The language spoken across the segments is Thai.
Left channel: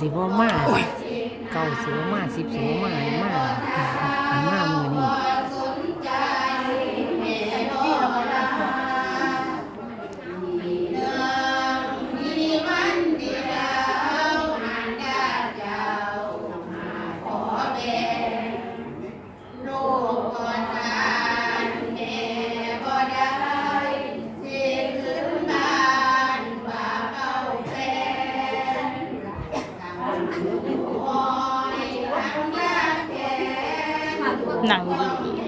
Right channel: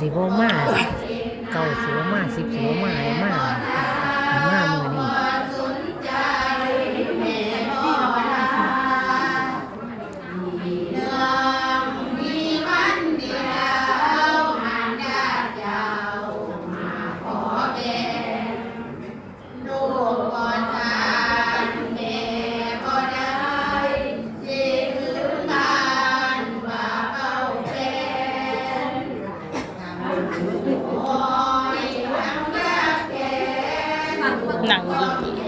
สิบ่มาเก่าสิบ่มาสิบสิบ่มาใมาใมามื หนังดี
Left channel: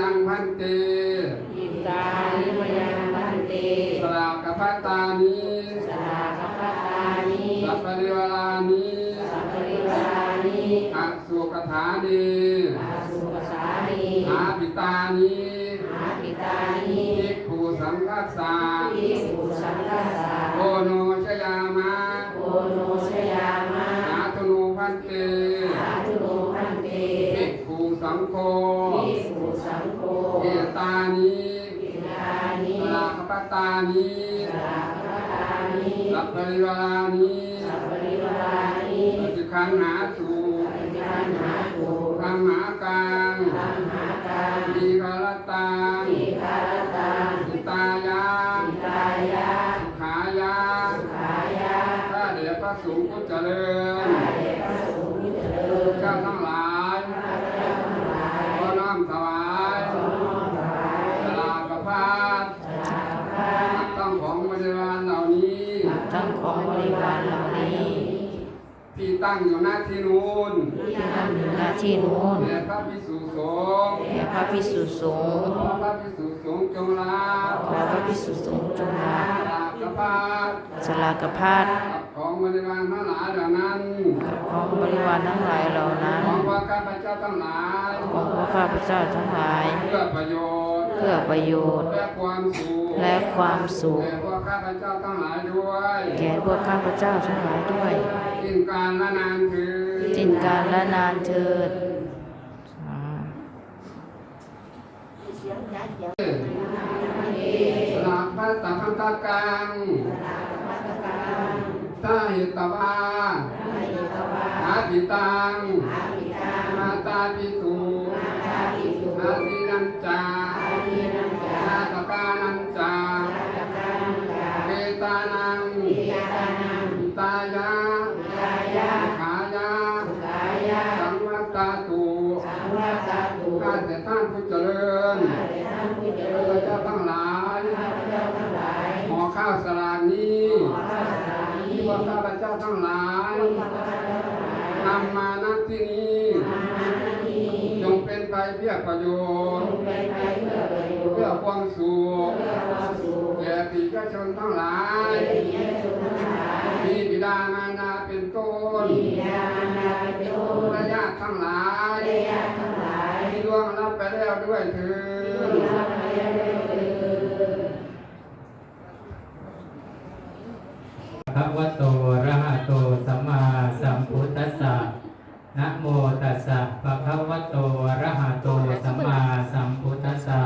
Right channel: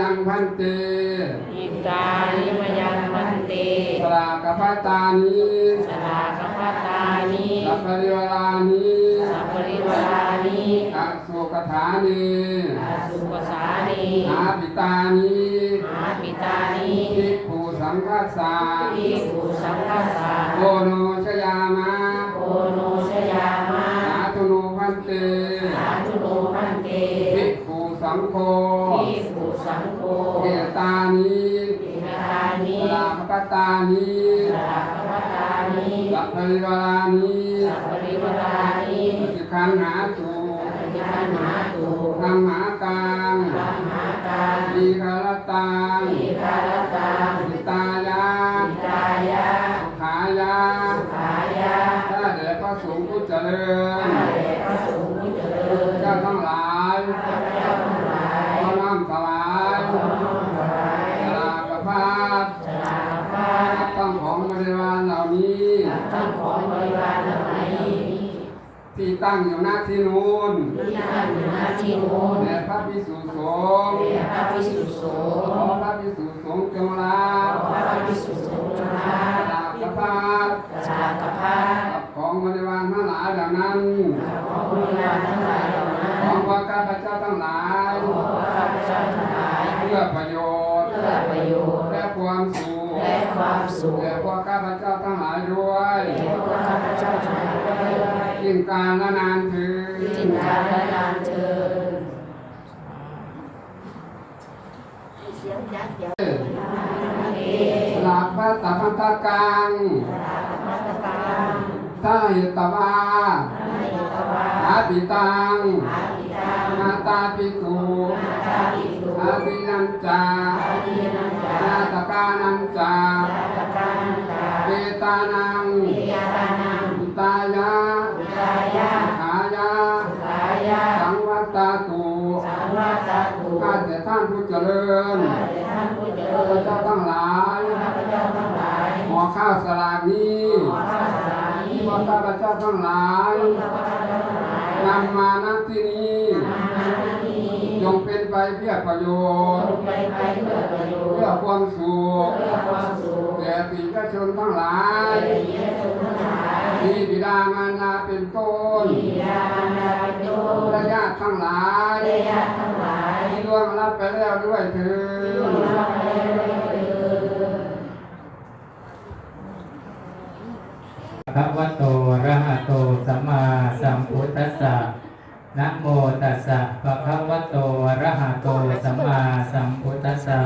ยังพันเตอิกาลิมยังมันเตสลากพัตตานิสลากพัตตานิสัพพริวารานิสัพปริวารานิอัสุกถานิอาสุปสานิอาปิตานิอาปิตานิภิกขุสังฆาสาภิกขุสังฆสาโอโน กขุสังโฆเอตานิอิตานิสลากพัตตานิสลากพัตตานิสัพพริวารานิสัพปริวารานิสิกขันหาตุปฏิคันหาตุธรรมหากังตัมหาการดีคารตังอิคารตังอิตายาอิตายะขายาขายะถ้าเดี๋ยวพระสงฆ์ผู้เจริญข้าแต่พระสงฆ์ผู้เจริญเจ้าทั้งหลาย ข้าพเจ้าทั้งหลาย ขอน้อมถวาย ขอน้อมถวาย สลากพาด สลากพัด ต้องของบริวารเหล่านี้ ทั้ง ของบริวารเหล่านี้ที่ตั้งอยู่หน้าที่นู้นที่ตั้งอยู่หน้าที่นู้นแด่พระพิสุสงฆ์แด่พระภิกษุสงฆ์ขอพระพิสุสงฆ์จงรับขอพระภิกษุสงฆ์จงรัสบลากพาดสลากพัดของบริวารทั้งหลายเหล่านั้นของบริวารทั้งหลายเหล่านั้น ของพระข้าพเจ้าทั้งหลายขอข้าพเจ้าทั้งหลาย เพื่อประโยชน์ เพื่อประโยชน์และความสุข และความสุขแก่พวกข้าพเจ้าทั้งหลายด้วยแก่พวกข้าพเจ้าทั้งหลายด้วยยิ่งการละนานถือสิ้นการและนานเทินสลากพระตัพันตากังตาหิตวาอาติตังนาตาปิตุอาทินันจานา แต่ท่านผู้เจริญข้าพเจ้าทั้งหลายหมอข้าวสลากนี้พวกข้าพเจ้าทั้งหลายนำมาณที่นี้จงเป็นไปเพื่อประโยชน์ เพื่อความสุขแก่ปีกชนทั้งหลายมีบิดามารดาเป็นต้นและญาติทั้งหลายที่ล่วงรับไป แล้วด้วยเถิดพระวะโตอะระหะโตสัมมาสัมพุทธัสสะนะโมตัสสะภะคะวะโตอะระหะโตสัมมาสัมพุทธัสสะ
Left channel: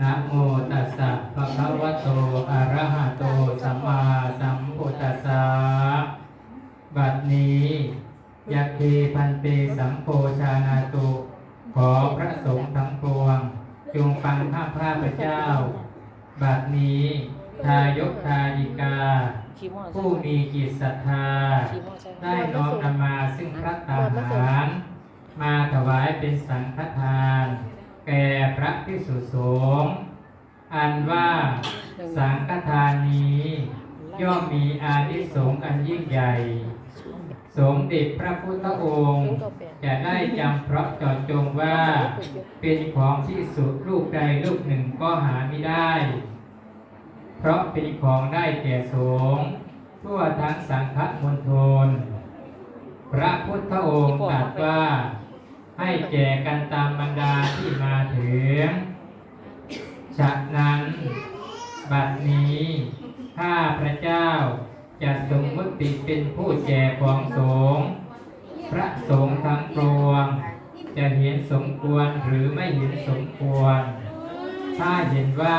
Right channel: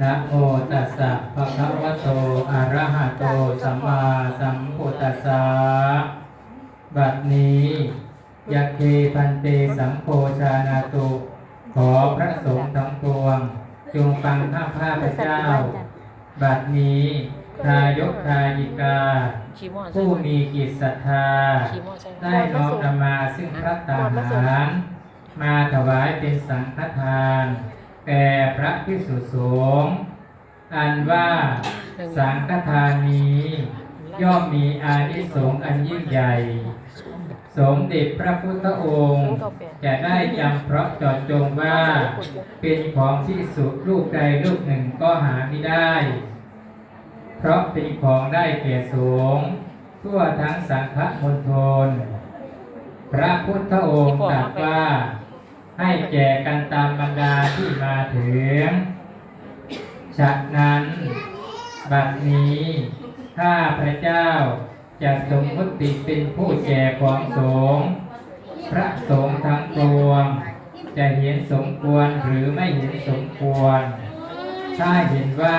นะโมตัสสะภะคะวะโตอะระหะโตสัมมาสัมพุทธัสสะบัดนี้ยัคเคพันเตสัมโพชานาตุ ขอพระสงฆ์ทั้งปวงจงฟังข้าพระเจ้า บัดนี้ทายกทายิกาชีมอผู้มีจิตศรัทธา ได้น้อมนำมาซึ่งพระตาหาร มาถวายเป็นสังฆทานแก่พระพิสุสงฆ์อันว่าสังฆทานนี้ ย่อมมีอานิสงส์อันยิ่งใหญ่ สมเด็จพระพุทธองค์ จะได้จำเพราะเจอดจงว่า เป็นของที่สุดลูกใดลูกหนึ่งก็หาไม่ได้ เพราะเป็นของได้แก่สงฆ์ทั่วทั้งสังฆมณฑลพระพุทธองค์ตรัสว่าให้แจกกันตามบรรดาที่มาถึงฉะนั้น บัดนี้ข้าพระเจ้า จะสมมติเป็นผู้แจกของสงฆ์พระสงฆ์ทั้งปวง จะเห็นสมควรหรือไม่เห็นสมควร ถ้าเห็นว่า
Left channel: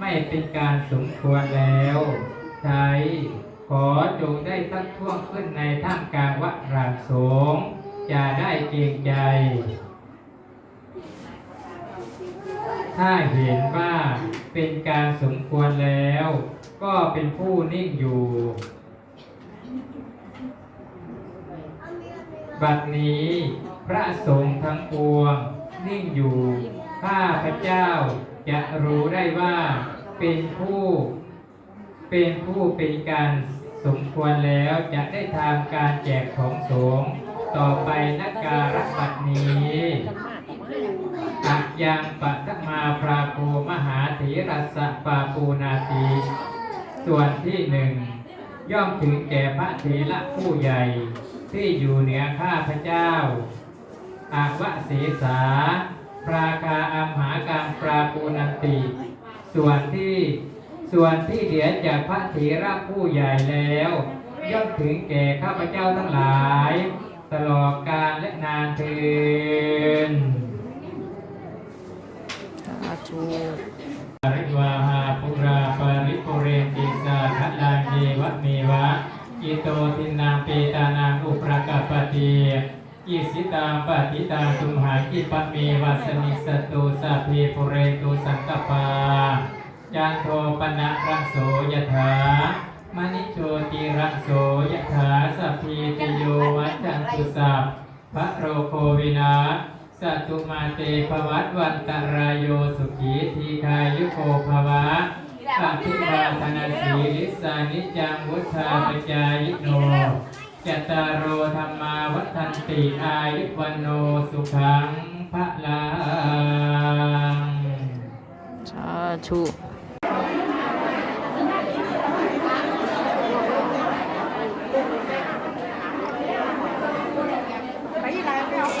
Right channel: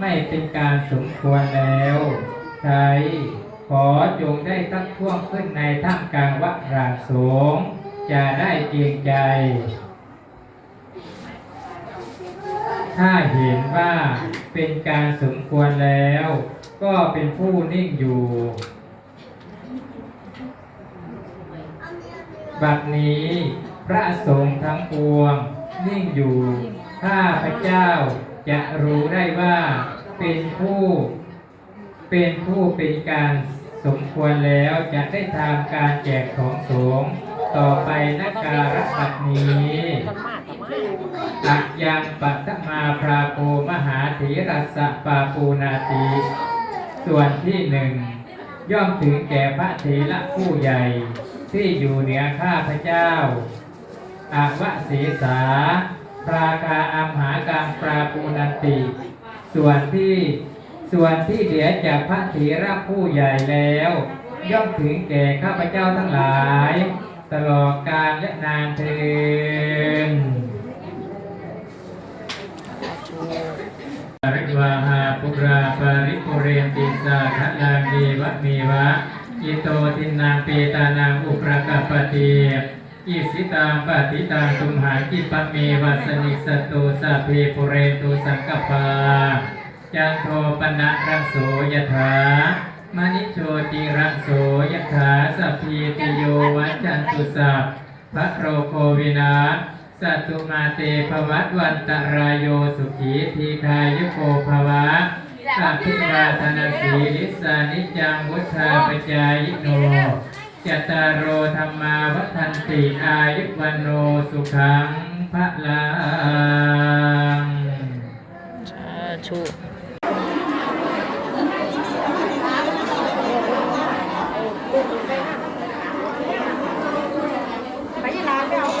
ไม่เป็นการสมควรแล้วใครขอจงได้ทักท้วงขึ้นในท่ามกลางวัดรางสงจะได้เกรงใจ ถ้าเห็นว่าเป็นการสมควรแล้ว ก็เป็นผู้นิ่งอยู่ บัดนี้พระสงฆ์ทั้งปวง นิ่งอยู่ข้าพระเจ้าจะรู้ได้ว่าเป็นผู้เป็นผู้เป็นการสมควรแล้วจะได้ทำการแจกของสงฆ์ต่อไปนักการบัดนี้กักกับมาอะยังปัตมาพราโกมหาธีรัสสะปาปูนาตี ส่วนที่หนึ่งย่อมถึงแก่พระเถระผู้ใหญ่ ที่อยู่เหนือข้าพเจ้าอาวะเสสา ปราคาอัมหากังปราปูนันติ ส่วนที่ส่วนที่เหลือจากพระเถระผู้ใหญ่แล้ว ย่อมถึงแก่ข้าพเจ้าทั้งหลาย ตลอดกาลและนานเทินสาธุปริวาหาปุราปาริปุเรนติสาขลังเยวะเมวะ อิโตทินังเปตานังอุปรากปปติอิสิตังปฏิตังตุมหังกิปเมวะสนิสตุสัพเพปุเรนตุสังกปาจันโทปนะรังโสยถามณิโชติรังโสยถาสัพพีติโยวัจจันตุสัพพระโรโควินาสัตตุมาเตภวัตวันตรายโยสุขีทีคายุโกภวะ สัพพิราธนาสีลิสานิจังวุชาปจายโนจตารโรธรรมาวัฒนติอายุวันโนสุขังพระลัง สาธุ ไปที่ร้านไปเอาไป